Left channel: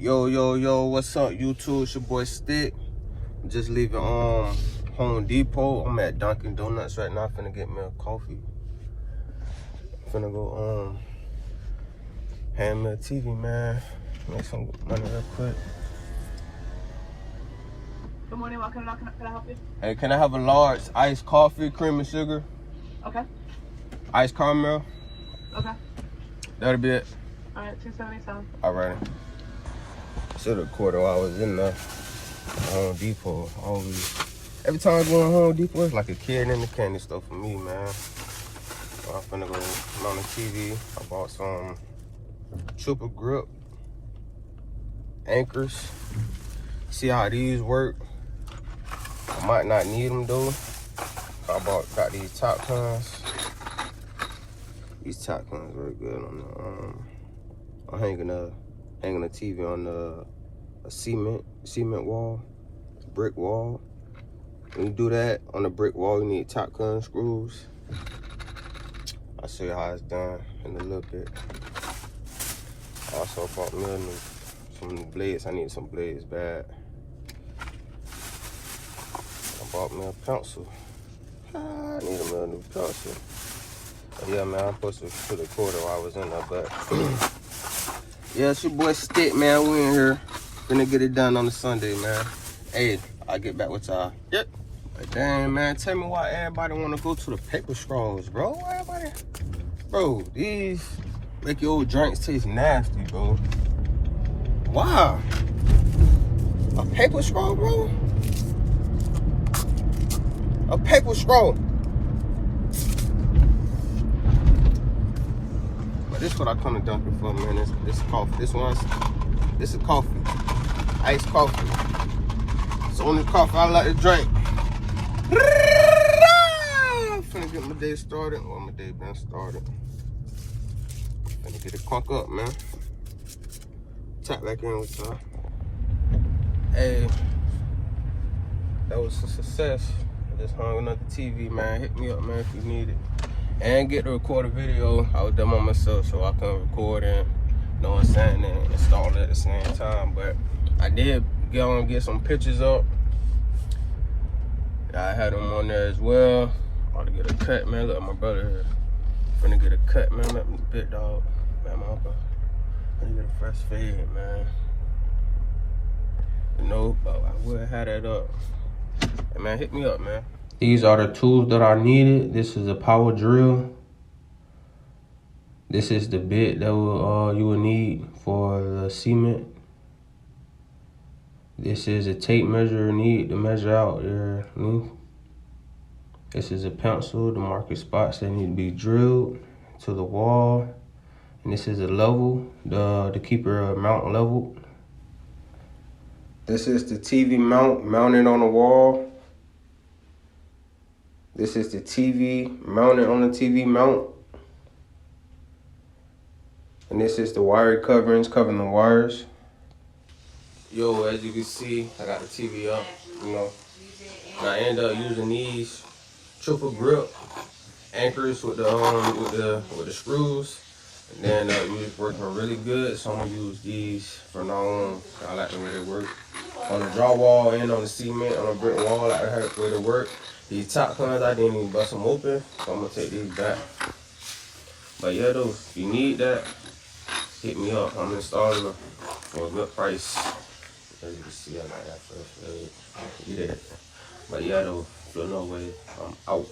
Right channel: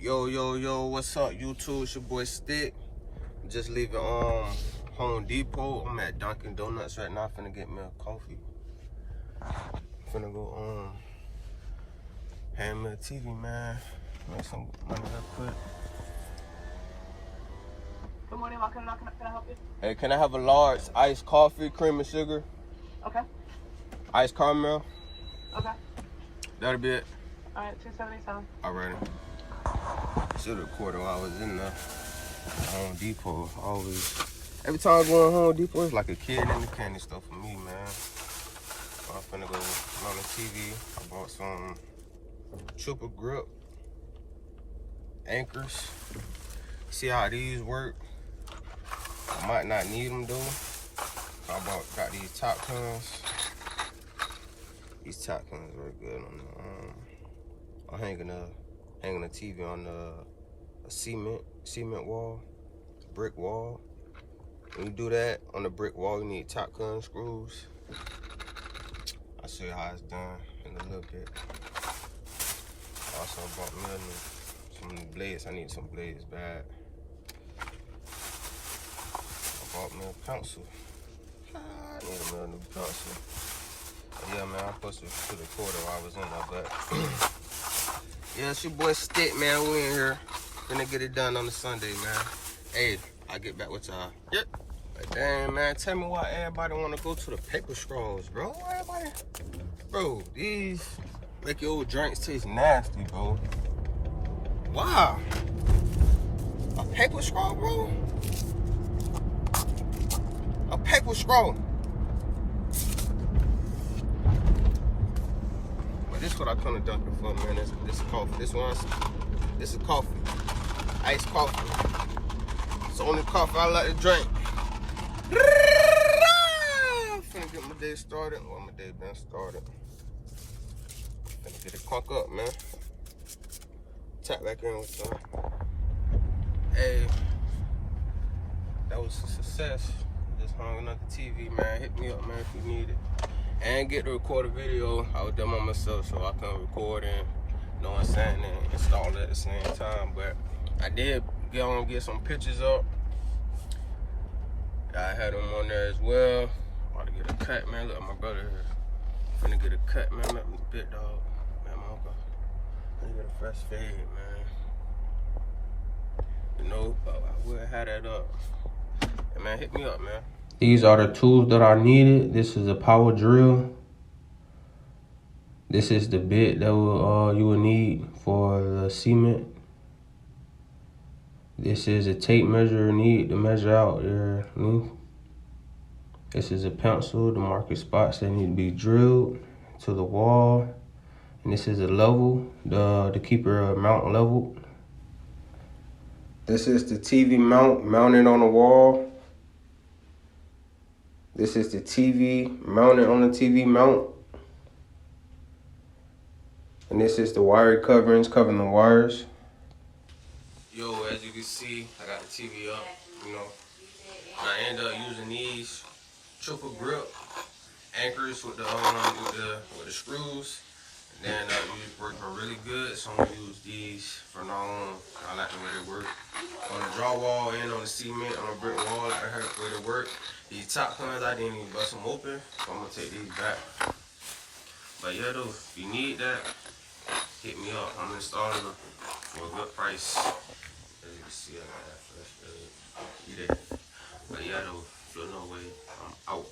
Yo, what's up, YouTube? It's your boy Stick. Just leaving Home Depot. I'm at Dunkin' Donuts right now. Finna get me a coffee. Finna go hand me a TV, man. Make some money real quick. Good morning, can I help you? Hey, can I have a large iced coffee, cream and sugar? Okay. Iced caramel? Okay. That'll be it. Alright, $2.77. Alright. Should have quarter while I was in there. Home Depot. Every time I go to Home Depot, it's like a kid in the candy store for me, man. So I'm finna go on the TV. I bought some triple grip anchors. See how these work. I might not need them though. Got these top cons. These top cons work good on the I'm hanging a TV on a cement wall, brick wall. When you do that on the brick wall, you need top gun screws. I'll show you how it's done in a little bit. I also bought me some new blades. I need some blades bad. I bought me a pencil. I need a new pencil. But yeah, man, I'm supposed to put a quarter while I was in there, but yeah, it's your boy Stick, man. We in here. Gonna get it done on the Sunday, man. Hey, I'll get back with y'all. Yep. But damn, man, tell me why everybody wanna go to the paper straws, bro. Why everybody? Bro, these make your old drinks taste nasty, bro. Why? A paper straw, bro? A paper straw. But this is what I come to Dunkin' for, man. This is coffee. This is coffee. Iced coffee. It's the only coffee I like to drink. I'm finna get my day started. Well, my day been started. Finna get it crunk up, man. Tap back in with y'all. Hey, that was a success. Just hung another TV, man. Hit me up, man, if you need it. And get to record a video. I was done by myself, so I can record and, you know what I'm saying, and install it at the same time. But I did get some pictures up. I had them on there as well. I ought to get a cut, man. Look at my brother here. Finna get a cut, man. Let me big dog. Man, my uncle. Finna get a fresh fade, man. You know, but I will have that up. Hey, man, hit me up, man. These are the tools that I needed. This is a power drill. This is the bit that you will need for the cement. This is a tape measure you need to measure out your length. This is a pencil to mark your spots that need to be drilled to the wall. And this is a level to keep your mount leveled. This is the TV mount mounted on the wall. This is the TV mounted on the TV mount. And this is the wire coverings covering the wires. Yo, as you can see, I got the TV up, you know. And I end up using these triple grip anchors with the screws. And then it's working really good, so I'm gonna use these from now on. I like the way they work. On the drywall and on the cement, on the brick wall, I like the way they work. These top cons, I didn't even bust them open, so I'm gonna take these back. But yeah, though, if you need that, hit me up. I'm installing them for a good price. As you can see, I got that fresh. But yeah, though, feel no way. I'm out.